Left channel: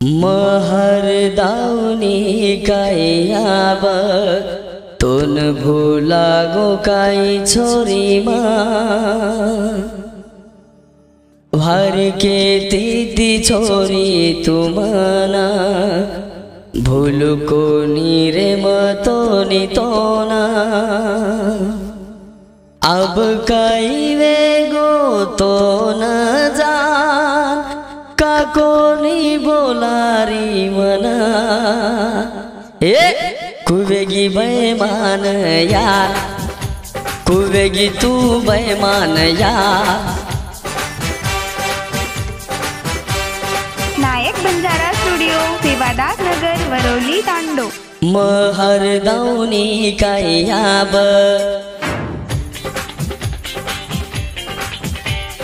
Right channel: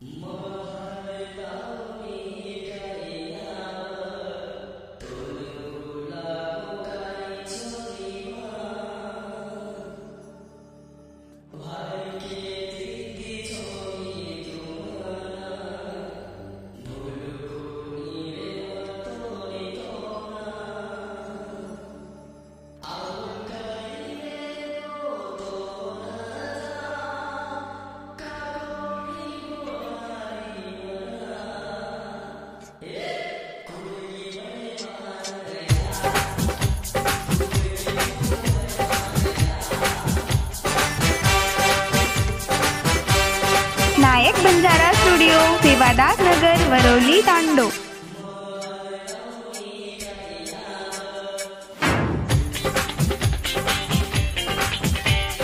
महर दाउनी काइयाब तोन भुलागो काई छोरीमा भर के तीती छोरी तुमना भूलुको नीरे मतो नितोना अब काई वेगो तो न जान काकोनी बोलारी मना ए कुवेगी बेमान यार कुवेगी तू बेमान यार। नायक बंजारा स्टुडिओ सेवादास नगर वरौली तांडो। महर दाउनी काइयाब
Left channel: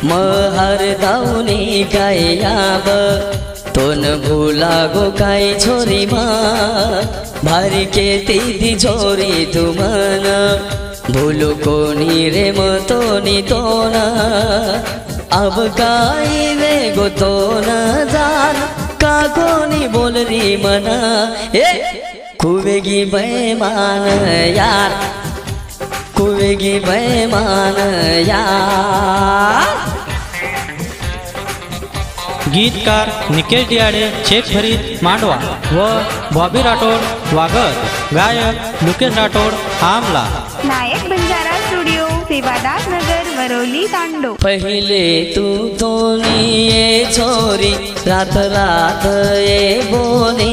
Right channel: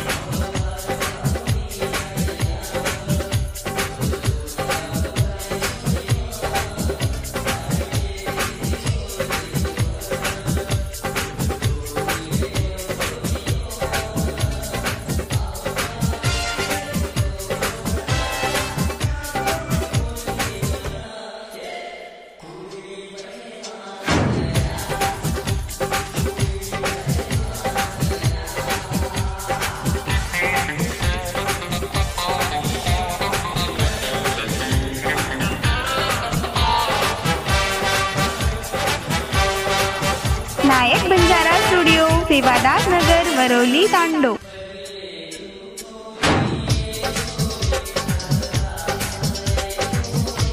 महर दाउनी काइयाब तोन भुलागो काई छोरी मा भर के तीती छोरी तुमन भूलुको नीरे मतो नितोना अब काई वेगो तो न जान काकोनी बोलरी मना ए कुवेगी बेमान यार कुवेगी बेमान यार। गीतकार निकेश दियाडे शेख फरीद मांडवा व बॉबी राठोड वागर, गायक मुकेश राठोड आमला। नायक बंजारा स्टुडिओ सेवादास नगर वरौली तांडो। पहले तू तो ये छोरी रात रात ये बोले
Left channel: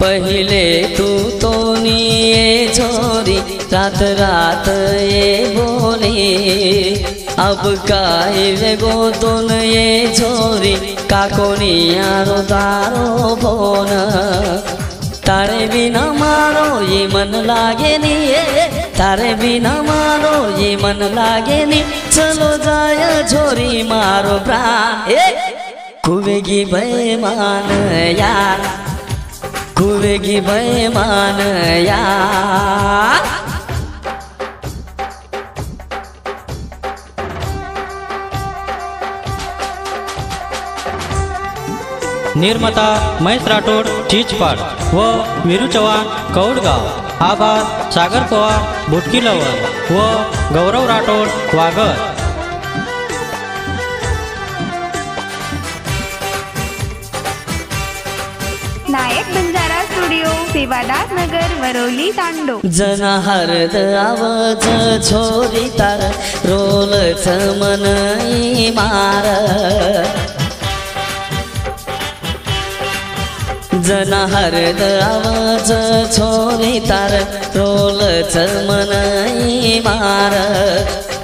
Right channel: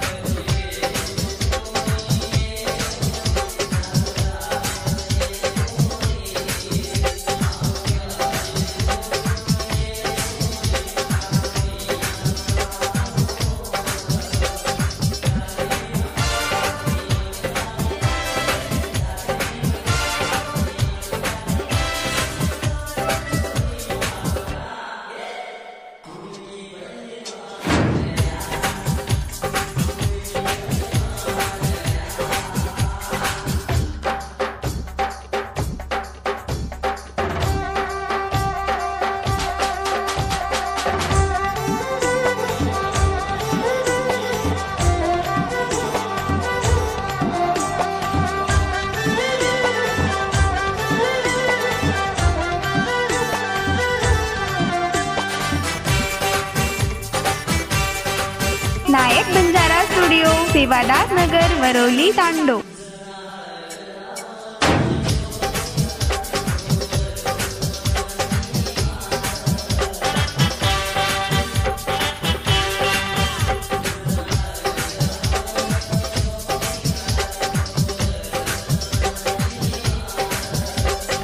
पहले तू तो ये छोरी रात रात ये बोले अब काहे वेगो तुन ये छोरी काकोनी यारो तारो फोन तारे बिना मारो ये मन लागे नी तारे बिना मारो ये मन लागे नी चलो जाय छोरी मारो प्राण ए कुवेगी बेमान यार कुवेगी बेमान यार। निर्माता महेश राठोड चिचपाड व वीरू चव्हाण कौडगाव, आभार सागर पवार भुटकीलवर व गौरव राठोड वागर। नायक बंजारा स्टुडिओ सेवादास नगर वरौली तांडो। जना हरद आवाज छोरी तार रोलच मन मार जना हरद आवाज छोरी तार रोलच मन मार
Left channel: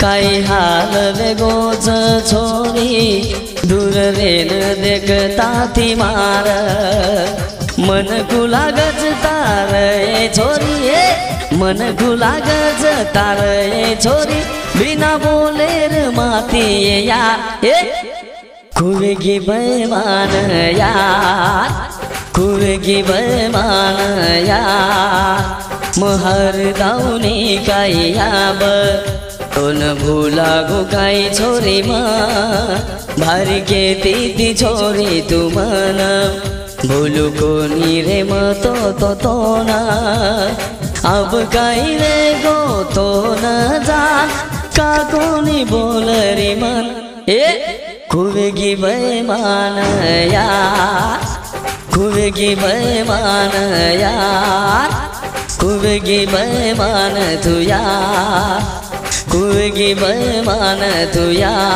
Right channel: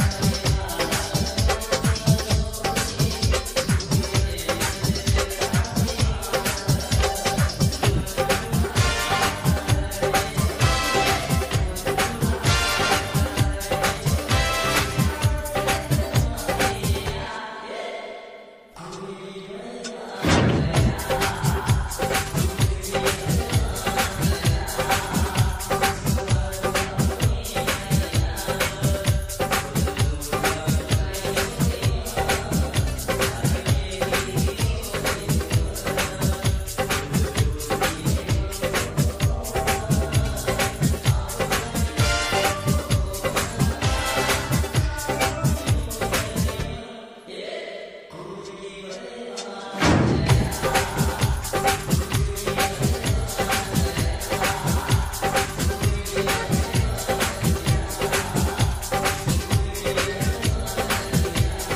काही हाल वेगोच छोरी दूर रेन देखता ती मार मन गुलागज तार छोरी मन गुलागज तार छोरी बिना बोलेर माती यार ए कुवेगी बेमान यार कुवेगी बेमान यार। महर दाउनी काइयाब तोन भुलागो काई छोरी मा भर के तीती छोरी तुमन भूलुको नीरे मतो तो ना अब काई वेगो तो न जान काकोनी बोलरी मन ए कुवेगी बेमान यार कुवेगी बेमान यार कुवेगी बेमान तू यार कुवेगी बेमान तू यार।